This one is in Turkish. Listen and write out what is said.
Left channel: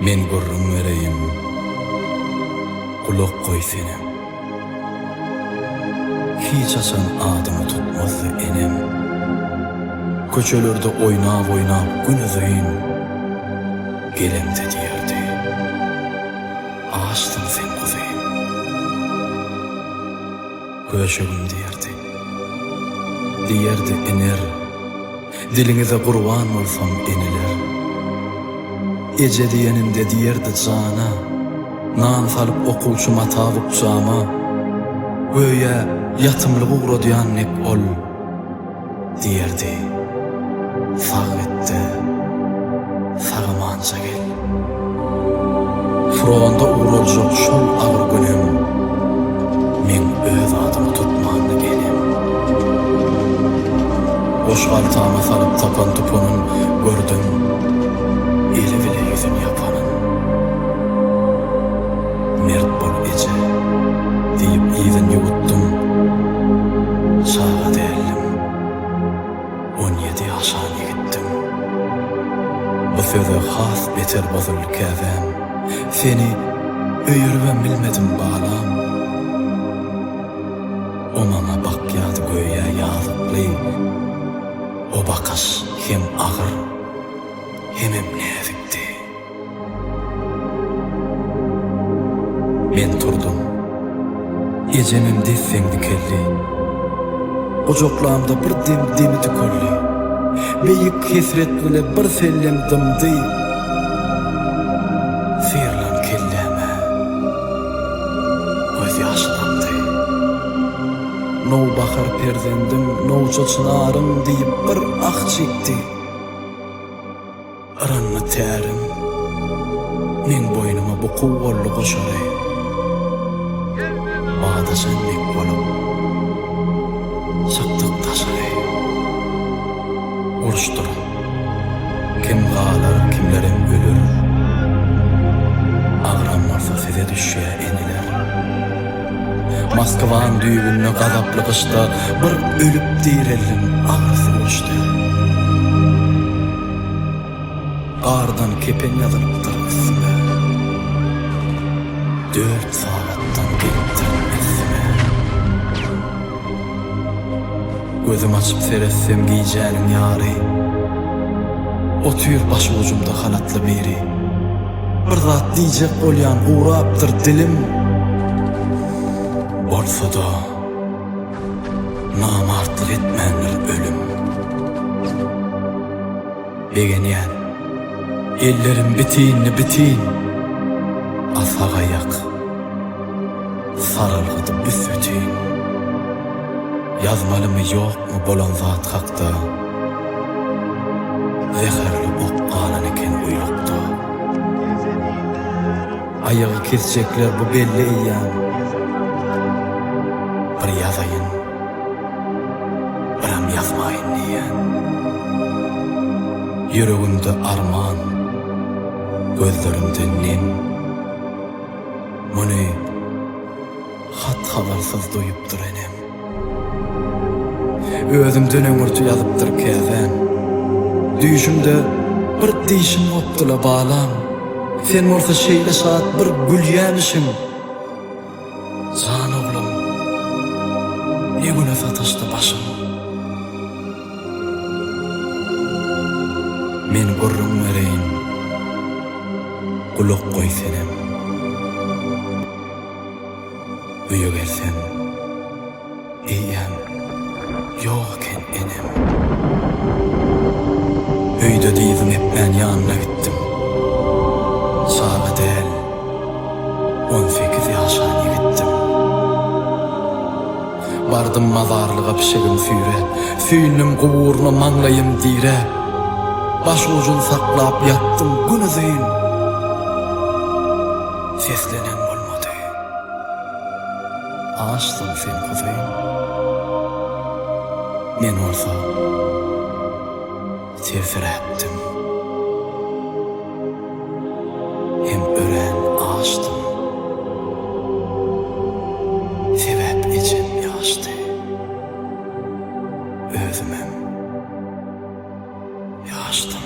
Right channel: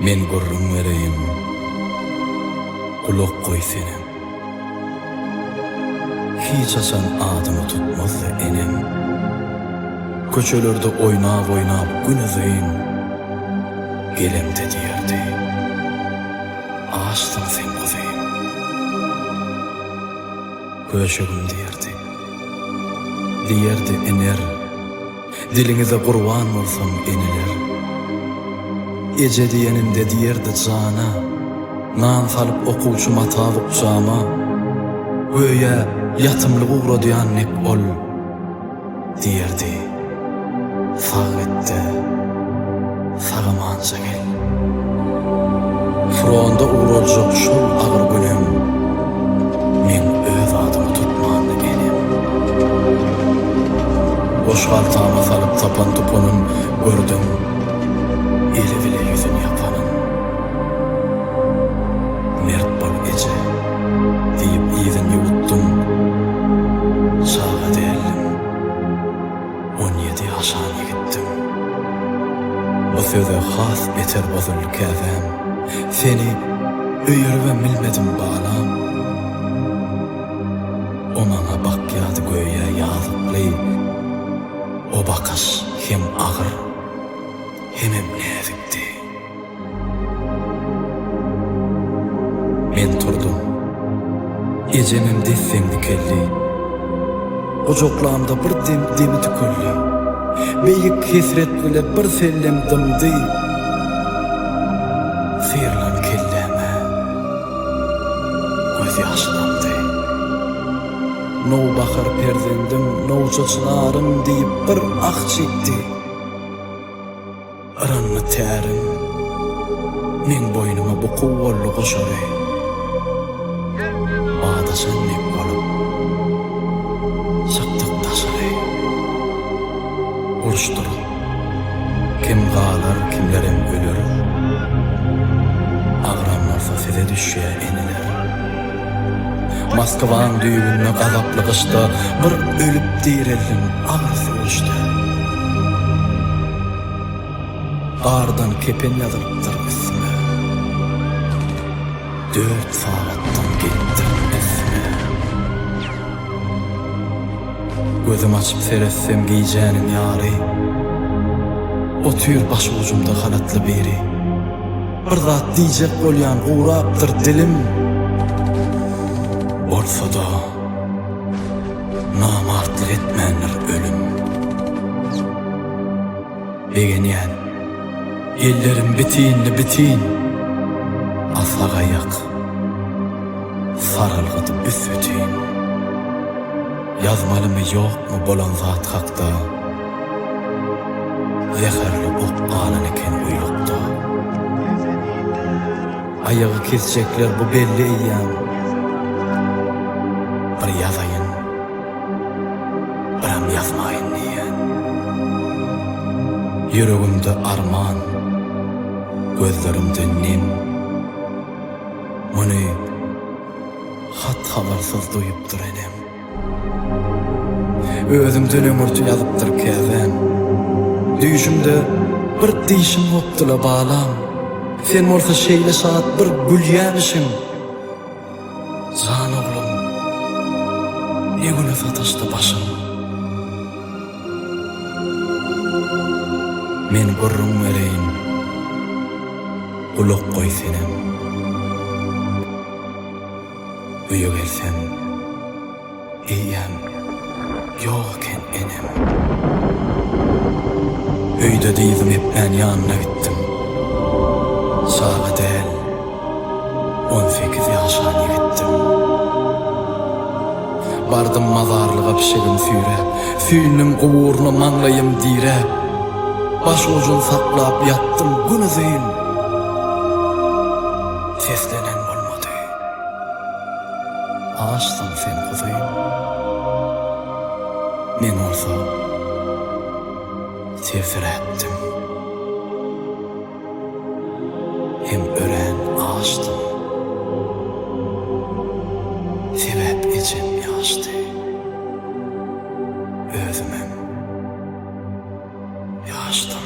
Men gurrun vereyim, kulak koy senem. Hiç açan adımı tutmazdı enem. Köçölerde oynap gün ızayın, gelemde diyerdi. Ağaçtın sen kuzeyim. Köşegüm diyerdi. Diyerdi ener, dilinize kurban olsam eniler. Ece diyenimde diyerdi cana, nan salıp okuvçu matavuk cama. Göye yatımlık uğradıyan nek ol, diyerdi. Sağ etti, sağımanca gel. Fronda uğrolacak şol ağır günem, men öz adımı tutmanı enem. Boş kaltağıma salıp tapan tupunun gördüm, eli bile yüzün yapanın. Mert bol ece, deyip izin yuttum, sağa değerlim. 17 yaşan yigittim. Bu söze has beter bozuldu käzem. Seni öýürüben bilmedim balam. O mama bakýady göýe ýazykly. O bakaş hem agyr hemem näzikdi. Men turdum. Ejemem desseňdi kelli. Gocoklamda bir demi tükörli. Beyik hesret bile bir sellem dımdy. Sıyırlan kelleme, göz yaşlandı. No bakar perzendim, no çocunarım deyip bir ah çekti. Aranma terim, men boynuma bu kuvvallı koşarı. Bağda senlik bolup, çaktık taşarı. Uruştur, kim galar, kimlerim ölür. Ağram varsa size düşüye eniler. Moskvan düğününe gazaplı kışta bir ölüp direllim ağrısı uçtu. Qardan kepen yazılıptır ismi. 4 saattan geliptir ismi. Gözüm açıp seressem giyeceğinin yari. O tür baş ucumda halatlı biri. Bir zat diyecek olyan uğraptır dilim. Bolsa da namartlık etmenler ölüm. Begenyen ellerim bitin asağa yak sarılgıdı üsütin. Yazmalı mı yok mu bolan zat hakta. Zeherli ok qalan eken uylukta. Ayağı kesecekler bu belli eyyam. Bir yazayın, biram yazmayın diyen. Yüreğimde arman, gözlerimde nem. Bunu hat habarsız duyupdur enem. Özümden öňürtü yazıptır käzem. Düýüşümde bir diýişim gopdyla balam. Sen bolsa şeýle saat bir gülýämişiň. Can oglum, ne güne sataşdy başyň. Men gurrun vereyim, kulak koy senem. Üýe gelsem, eýem ýok eken enem. Öýde diýdim hep ben ýanyna gittim. Sağa del, 18 yaşan yigittim. Bardım mazarlığa pişegim süýrep, süýnüm guburuna maňlayym direp. Baş ucun saklap yattım gün ızıyın. Seslenen bolmady. Ağaçsın sen kuzeyim. Men olsa sevsireptim. Hem ören ağaçtım. Sebep içim yaştı. Özümem yaştım.